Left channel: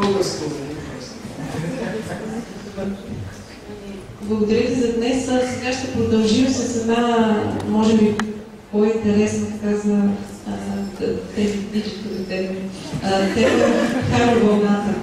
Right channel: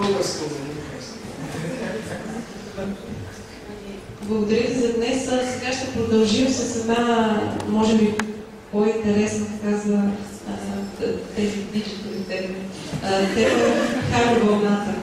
Българско. Благодаря ви за днес. Сега ще продължим с една, може би, по-интересна, така за тези диджитали теми. Тема Харо вълната.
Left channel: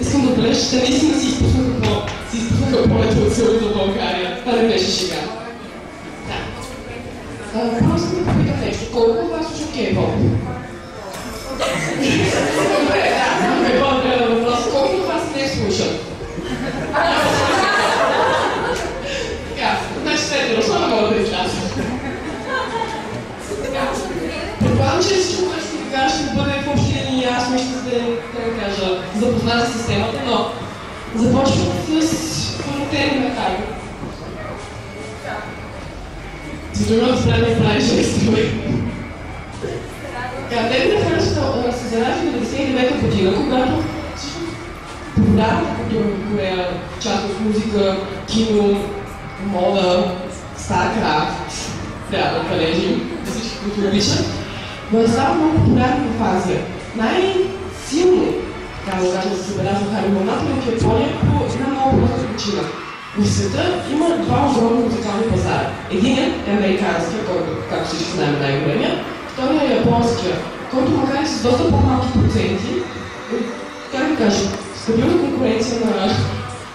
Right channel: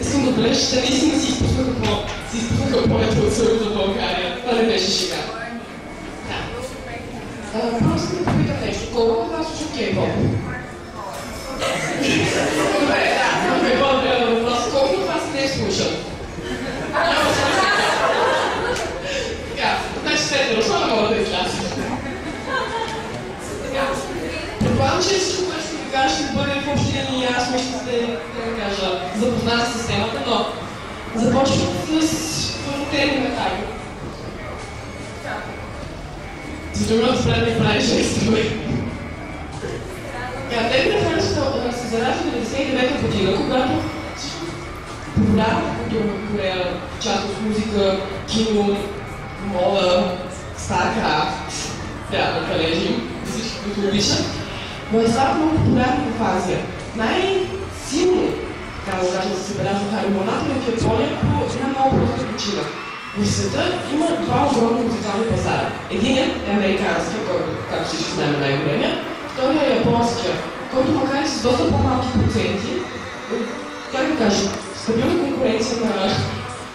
Искам да отбележа, че наистина си изпуснаха повече от целата България. Това не беше шега. Първо искам да попитам нещо. Колко от вас слушат кей-поп? Добре, по-добре на въпрос. Колко от вас не слушат? Така, значи сте дошла, не мога да изляза. Предполагам, че всичко, което ще ви кажа, ще бъде в общи линии ясно и ще сте, да кажа, запознати с темата, но започвам с първотели на Харо. За да ме спря да ми прави жестове. Те на Харо се заражда в 1999 година, когато популярната култура в Корея, част от музика, кино, мода, Старкрафт, трябва да калежим всички, които обичат, но е става много популярна в Азия. Най-силно, така да кажем, се забелязва Харо вълната в Япония по една много проста причина. В света има два огромни музикални пазара. Единият е американския, който, както всички знаем, най-големия. Вторият е японския, който макар и с доста по-малки проценти, как да кажа, стабилна конкуренция на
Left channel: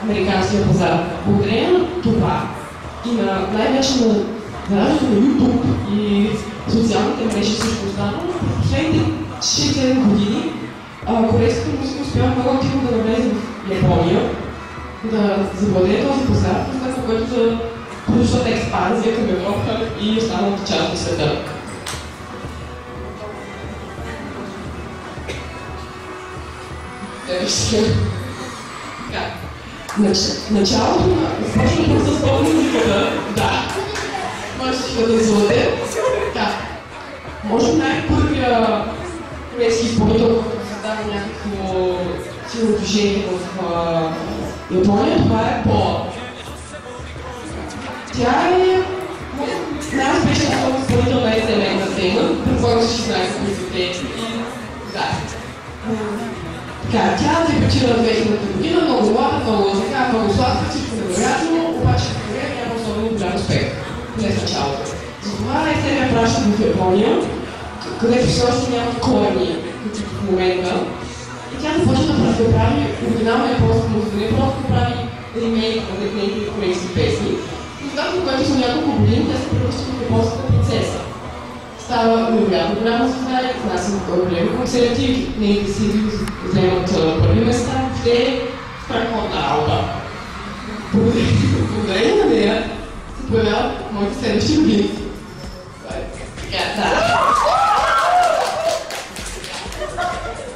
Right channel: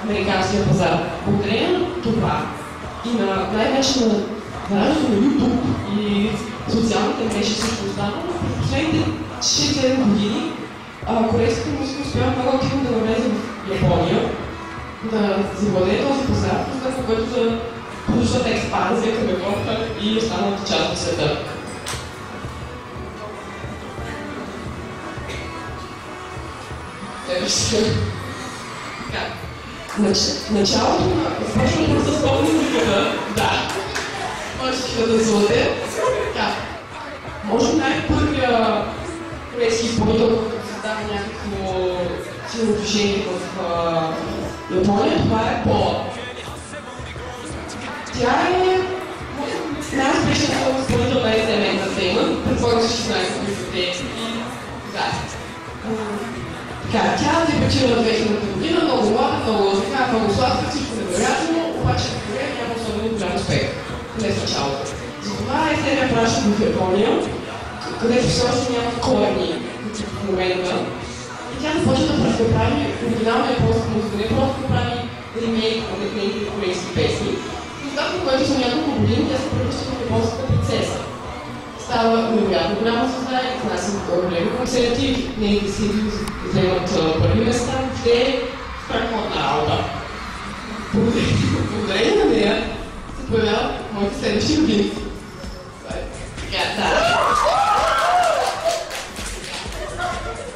американския пазар. Благодарение на това и на най-вече на нараждането на YouTube и социалните мрежи и всичко останало, в последните 6-7 години корейската музика успява много активно да навлезе в Япония, да завладее този пазар, след което да продължат експанзия към Европа и останалата част от света. Началото на започването с поп-музиката, да, можете да танцувате. Може най-първия корейски изпълнител, който създава някакво силно движение в Япония, това е Пола. Тя е най-успешната изпълнител на SM Entertainment, предполагам всички знаете кои са те и тя дебютира в 2000 година, много млада, много сладка, всичко невероятно, обаче в Корея няма особено голям успех. Не в началото. Затова SM я праща в Япония, където все още нямат корени в момента. И тя започва да прави оригинална японска музика, не просто да прави ремейк на нейните корейски песни. И когато, което за няколко години тя се превръща в японската принцеса. Става невероятно голяма звезда и внася големи концерти, нейните си вземат първи места, те страхотна работа. Благодарение на нея се появяват моите следващи години.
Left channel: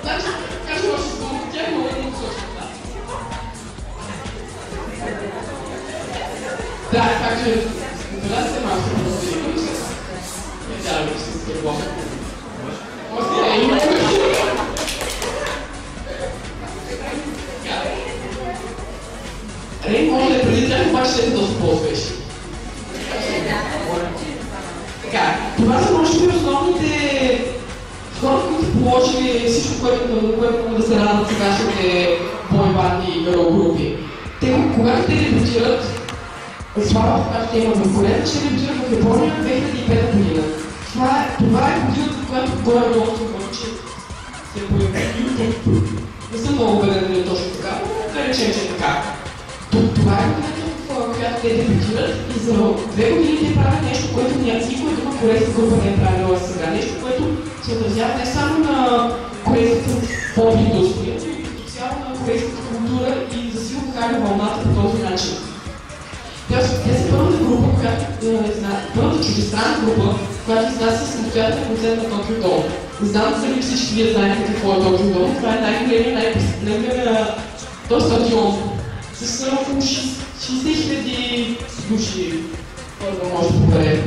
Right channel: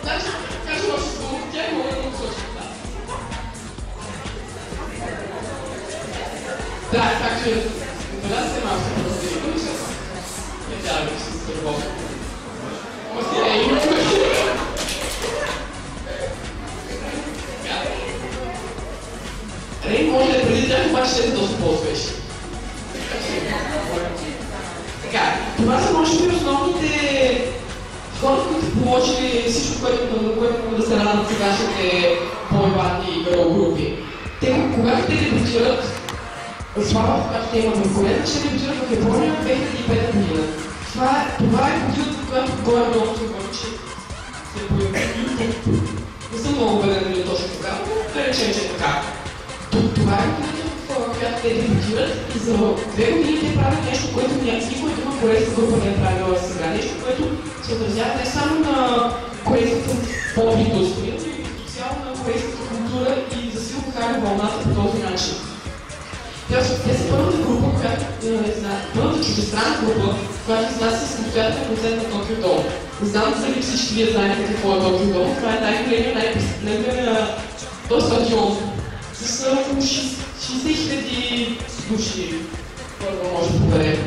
Значи, кажа още с дума, тя е много посочна. Да, така че да се малко се продължи. Не трябва да се стърбом. Рейн може да е преди тях, обаче ще е доста по-успешни. Така, това са може би основните хора, които положили всичко, което могат да се радват сегашните бой-банди и гърл групи. Когато те дебютират, слава, когато те имат в Корея, ще дебютират в Япония в 2005 година. Това е годината, в която горе-долу се говори, че се появи YouTube. Не съм много убеден дали точно така, но да речем, че е така. Това е годината, в която те дебютират и за 2 години те правят нещо, което никой друга корейска група не е правила сега. Нещо, което се отразява не само на корейската поп-индустрия, но и като цяло на корейската култура и засилва Харо вълната по този начин. Те са първата група, която първата чуждестранна група, която изнася самостоятелен концерт на Токио Дом. Не знам дали всички вие знаете какво е Токио Дом. Това е най-големия, най-пресъплемия този стадион с около 60 000 души първо може да побере.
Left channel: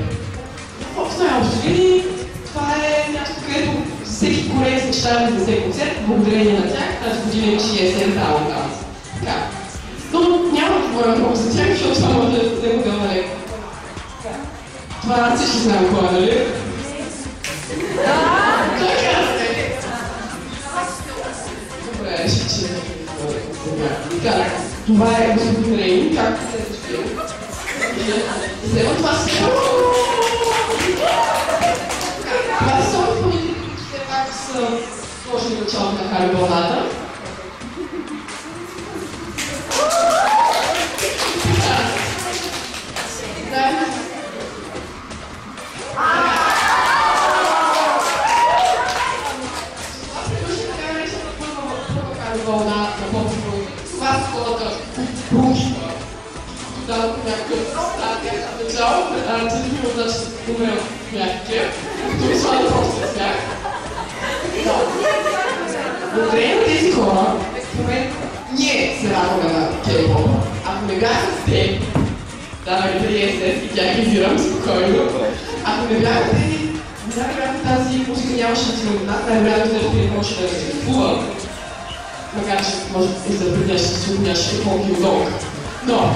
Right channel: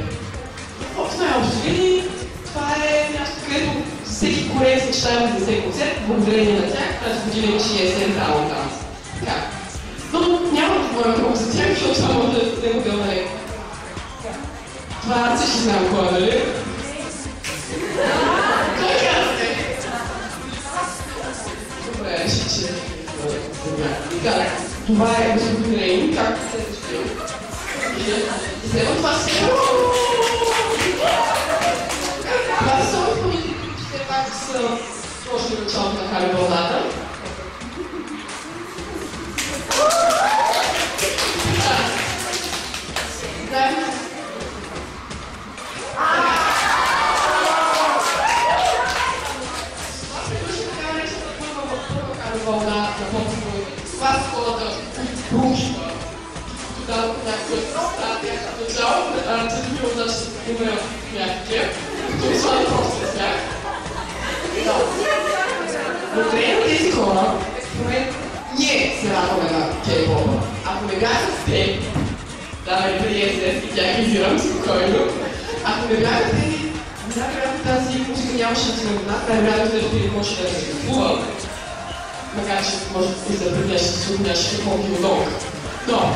В най-общо линии, това е място, където всеки кореец мечтае да изнесе концерт, благодарение на тях, тази година имаше и есен талант там. Така. Но няма да говоря много за тях, защото това може да е модел, нали? Това всички знам кой, нали? Той каза! Добре, ще така, това е господин Рейн, както се защитил. И след това се... Това са само изпълнители, които все пак са сложили началото на Хари вълната. Вълна на поп-филми. Това са хората рухи. Дадох някакъв статия на начало, че ми отдача да се умея някакви, като ми слага просто с тях. Благодарение на тези хора, в момента ние се радваме на K-pop. Ако не бяха с те, да, преди SS и тях изирам спокойно, ако не бяха тези, най-вероятно тази музика нямаше да си на нас, най-вероятно ще не може да съществува. Макар че може и за предния ще се отняше колко и удобно. Но,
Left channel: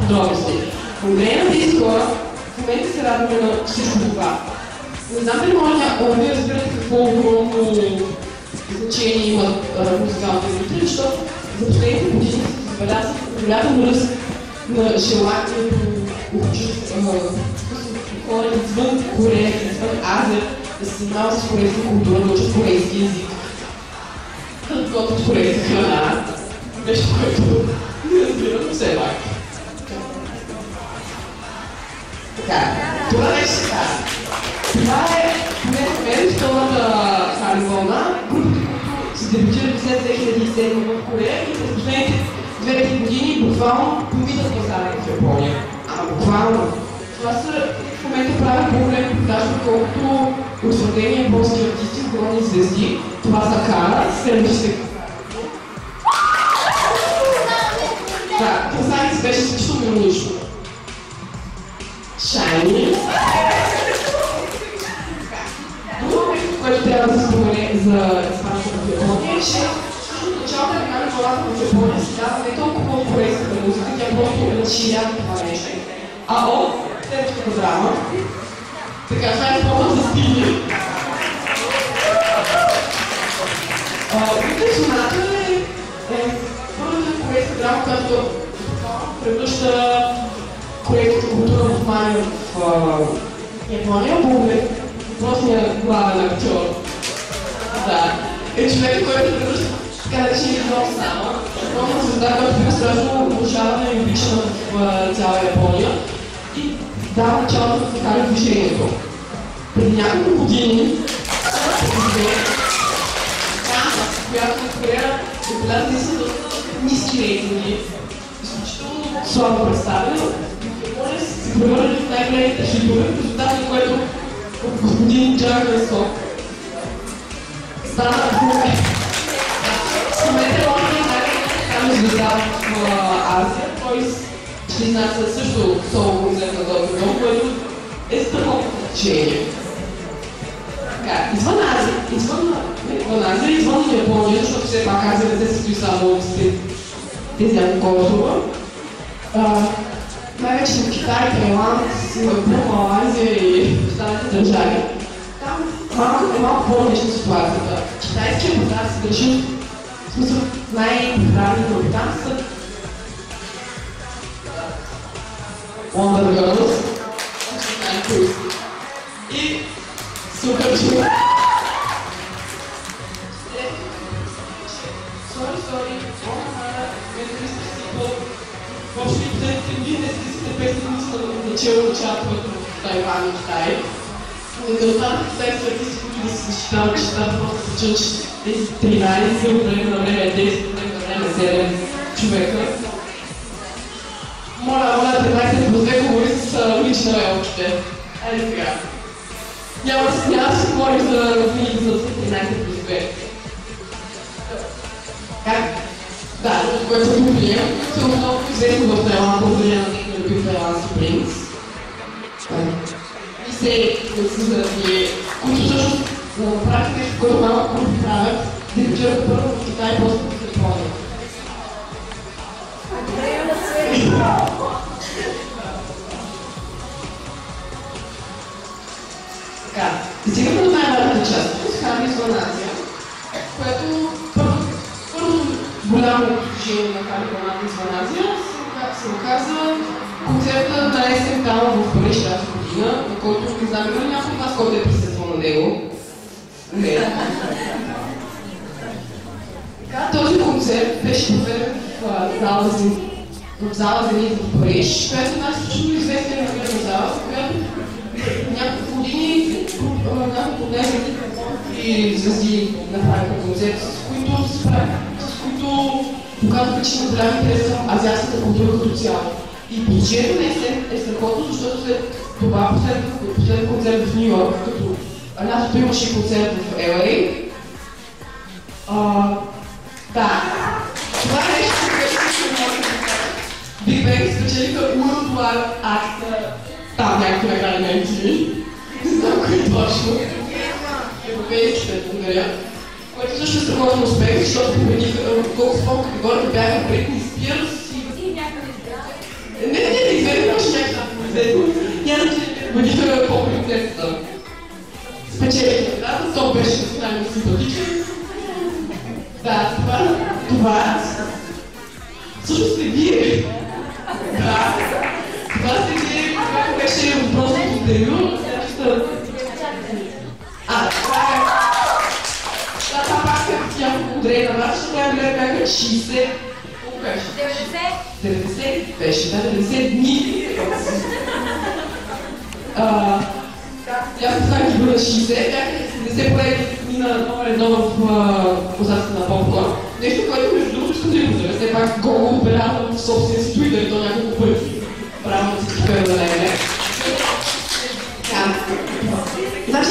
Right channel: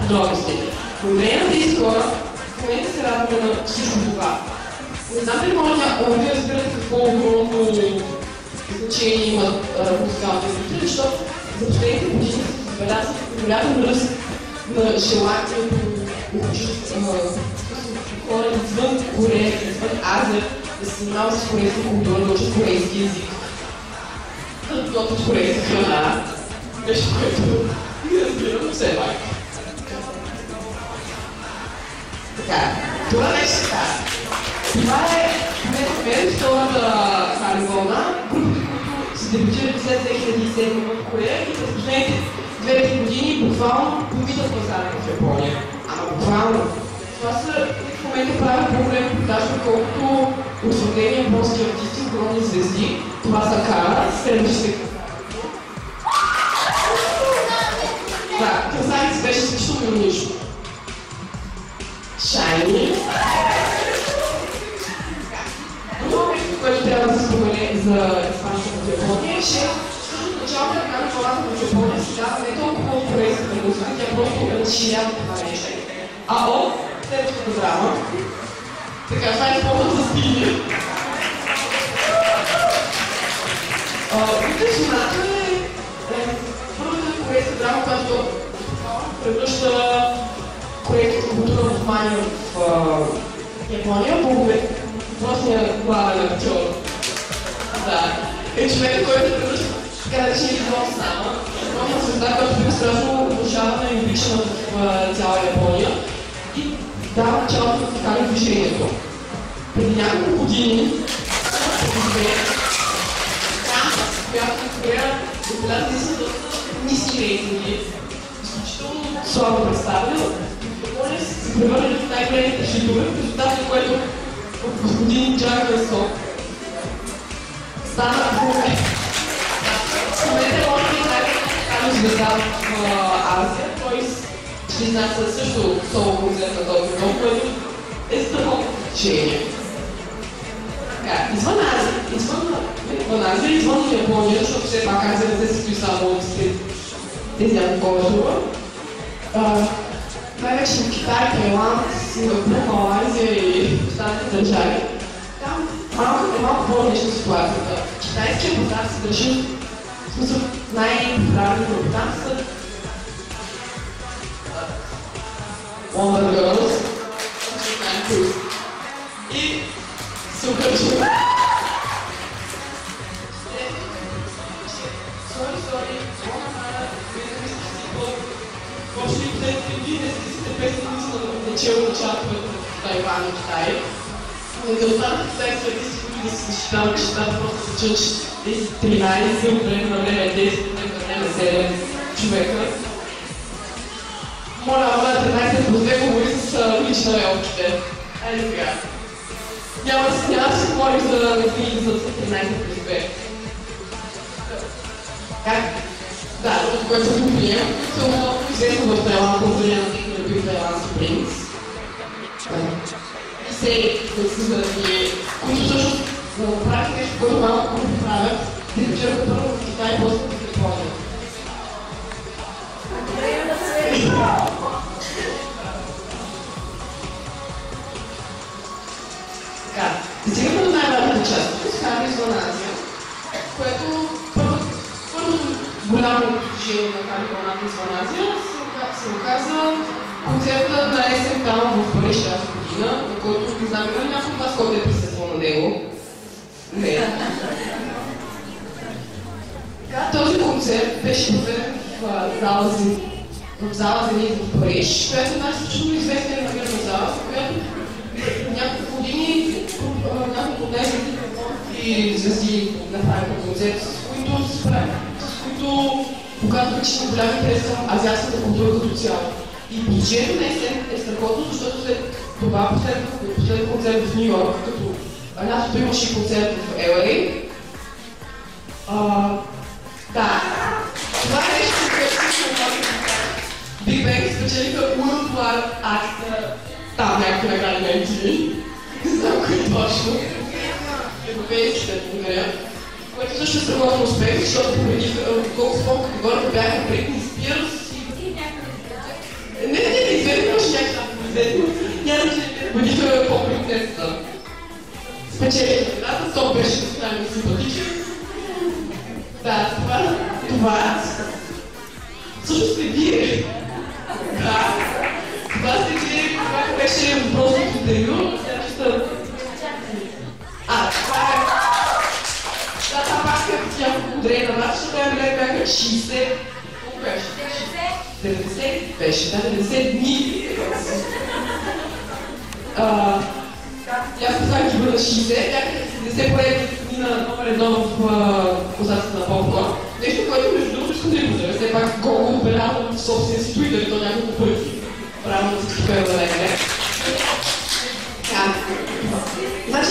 подробности. Благодарение на тези хора, в момента се радваме на всичко това. Не знам дали може да разбирате какво огромно значение имат музикалните индустрии, защото за последните години се забелязва голям ръст на желанието хора извън Корея, извън Азия, да се занимават с корейска култура, да учат корейски език. Да готвят корейска храна. Нещо, което не разбирам, все пак. Така, това нещо се казва. Това е мен втората Хари вълна, групите, които се дебютират след 2007 в Корея и през последните 2-3 години буквално помитат пазара в Япония. Ама буквално. Това са в момента правят по-големи продажи, колкото утвърдени японски артисти, огромни звезди. Това са Кара, следващите. Да, Красавица беше също милонично. Шайни. Друго нещо, което трябва да се спомене за изпанската в Япония е, че всъщност началото на Хари вълната в Япония се дава не толкова от корейската музика, тя просто разширява това нещо. А от следващата драма, така, това е повод за стили. Соната е първата корейска драма, която превръща корейската култура в мания в Япония. Благодаря въпросния главен актьор. Да. Е човека, който превръща така наречения глав сама. Огромна звезда, която бива страшно обожавана и обичана в цяла Япония. И дава началото да се кара движението. Преди няколко години, която в Корея отбелязали са доста ниски рейтинги, изключително слабо представена. В Япония се превърнали в най-големите хитове, в резултат на което господин Джак Ресо стана в момента. В момента е най-големата звезда в Азия. Той ще изнася също соло концерт на този филм, което е страхотно впечатление. Извън Азия, извън Япония, защото все пак Азия не се състои само от тези няколко острова. Най-вече в Китай, Тайланд, Сингапур, Малайзия и останалите държави. Там малко по-различна ситуацията. Китайския пазар се държи, в смисъл най-популярните от там са Wonder Girls и Супер Чума. Сори, въобще индийските песни са начало участват в Тайван и Китай. Не останаха китайски артисти, които да се защитават, че там просто се чуш тези 13, от време на време 10, от време на време 7 човека. Моля, 13 плюс 2 говори с улична елките. Айде сега. Няма да си говорим за книги за 13 плюс 2. Как? Да, което го прием, се много известно в Тайланд, благодарение на се заради, които всъщност правят нещо, което малко групи правят, дебютираха първо в Китай, после в Япония. Така, стигаме до най-важната част. Харли Звъназия, което първо голямо движение на Харли Звъназия се оказа концерта на есен там в Париж тази година, на който не знам има ли някой от вас, който е присъствал на него. Не. Така, този концерт беше проведен в зала Зенит в Париж, която е една изключително известна информирана зала, в която няколко години няколко дни и звезди направиха концерти, с които показваха, че има голям интерес към азиатската култура като цяло. И положението на есен е страхотно, защото след това последен концерт в Нью Йорк, като лятото имаше концерт в LA. Да, това е нещо, което се намага. Big Bang спечелиха Worldwide Actor, там някакви награди на MTV. Не знам кой точно. Европейските, благодаря. Което също е страхотен успех, защото победиха колко спорт категорията бяха Бритни Спирс и... Не, изведнъж още някакви няма, че победиха по-приоритетата. Спечелиха наградата, то беше национално симпатичен. Да, това всъщност сте вие. Да, това сте вие, когато беше въпросното интервю. Това пак е няколко дрейна мрача, защото я бяха 60... Колко беше? 90 беше, да, 90 дни. Аз поставих ги бъда 60, бяха 70 поредни дни на номер едно в класацията на Popcorn. Нещо, което между другото искам да ви го все пак го отбелязвам в собствения си Twitter и то няколко пъти. Правилно да се кипея да не. Значи,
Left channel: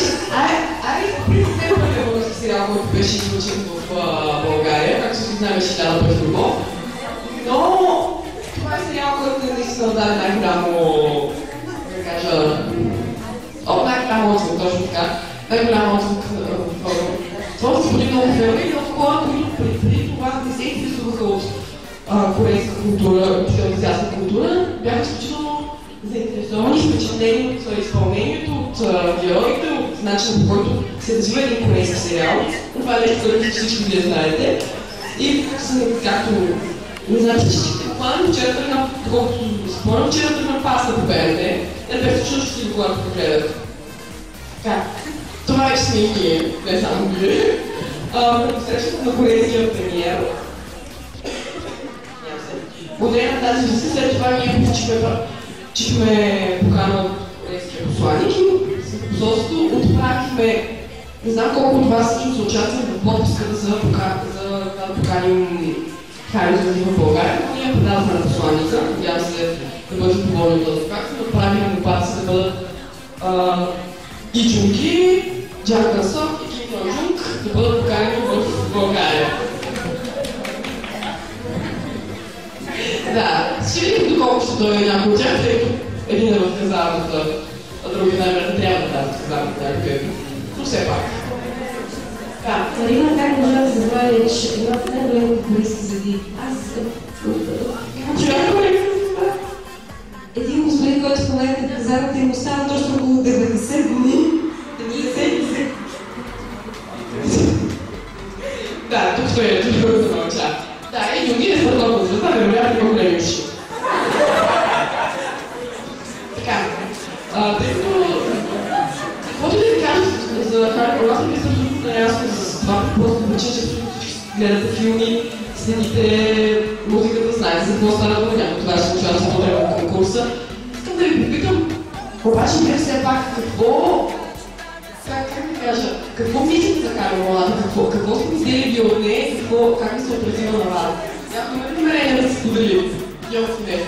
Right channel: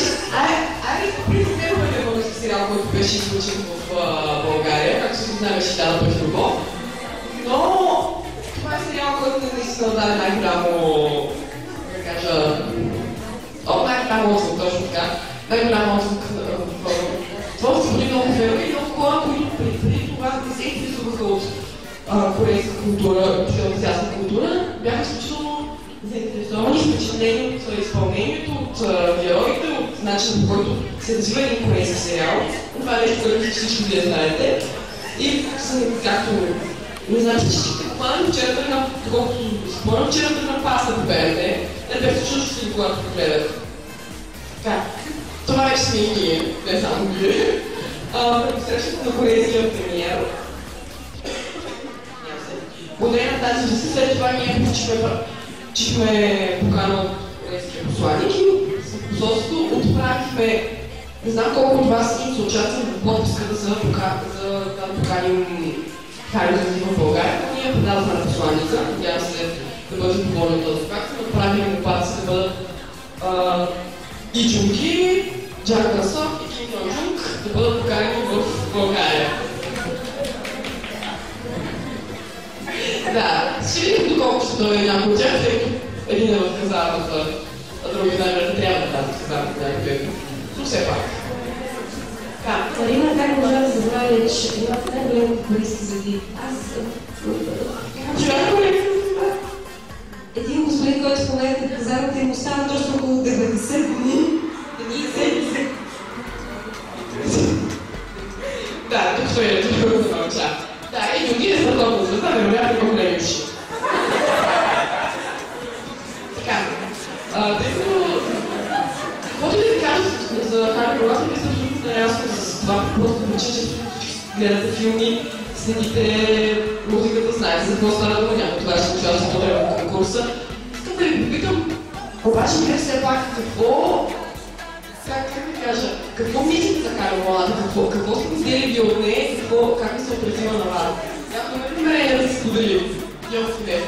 принципен български сериал, който беше излъчен в България, както се знаем, ще дава пъти любов. Но това е сериал, който наистина даде най-голямо, да кажа, най-голямо отзвук, точно така. Най-голямо отзвук в творци поди много филми и много хора, които преди това не се интересуваха от корейска култура, от азиатска култура, бяха изключително заинтересовани, впечатлени от изпълнението, от героите, от начина, по който се развива един корейски сериал. Това е нещо, което всички вие знаете. И както не знам, че всичките буквално вчера тръгна, доколкото спомням, вчера тръгна паста по БНТ. Те бяха също щастливи, когато го гледат. Така, това вече сме и ние, не само вие. Предпосрещането на корейския премиер. Благодаря на тази веси, след това ние получихме покана от корейския посланик и с посолство отправихме, не знам колко от вас са участвали в подписката за да поканим Харли Звъназия в България, но ние предадохме на посланика, надявам се да бъде доволен от този факт, да отправим молбата си да бъдат И Джунги, Джак Гънсън и Ким Йон Джунг да бъдат поканени в България. Да, ще видим доколко ще дойде някой от тях, тъй като един е в казармата, а други най-вероятно трябва да дадат казармата някакъв. Но все пак. Марина, как можа да забравя, че имате най-големи корейски звезди? Един господин, който споменате в казармата, им остава точно около 90 дни. 90. Да, тук стои ето да науча. Да, и Юнги е страхотна звезда, вероятно по-големи уши. Така, тъй като... Каквото да ви кажа за Харли Звъназия, ви съм абсолютно наясно с това, просто причина, че всички гледате филми, следите музиката, знаете за какво стана дума, някой това ще участва в конкурса. Искам да ви попитам, обаче вие все пак как ви кажа, какво мислите за Харли Звъназия, какво сте мислили ви от нея, как ви се отразила на вас? Някой има ли намерение да се сподели? Йо, не.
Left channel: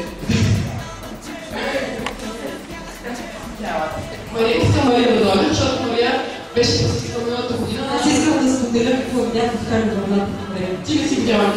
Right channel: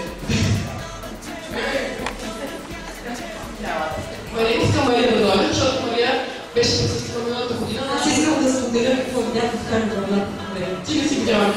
Мария иска Мария да дойде, защото Мария беше присъствала миналата година. Аз искам да споделя какво видях в Харли Звъназия. Ти не си видяла.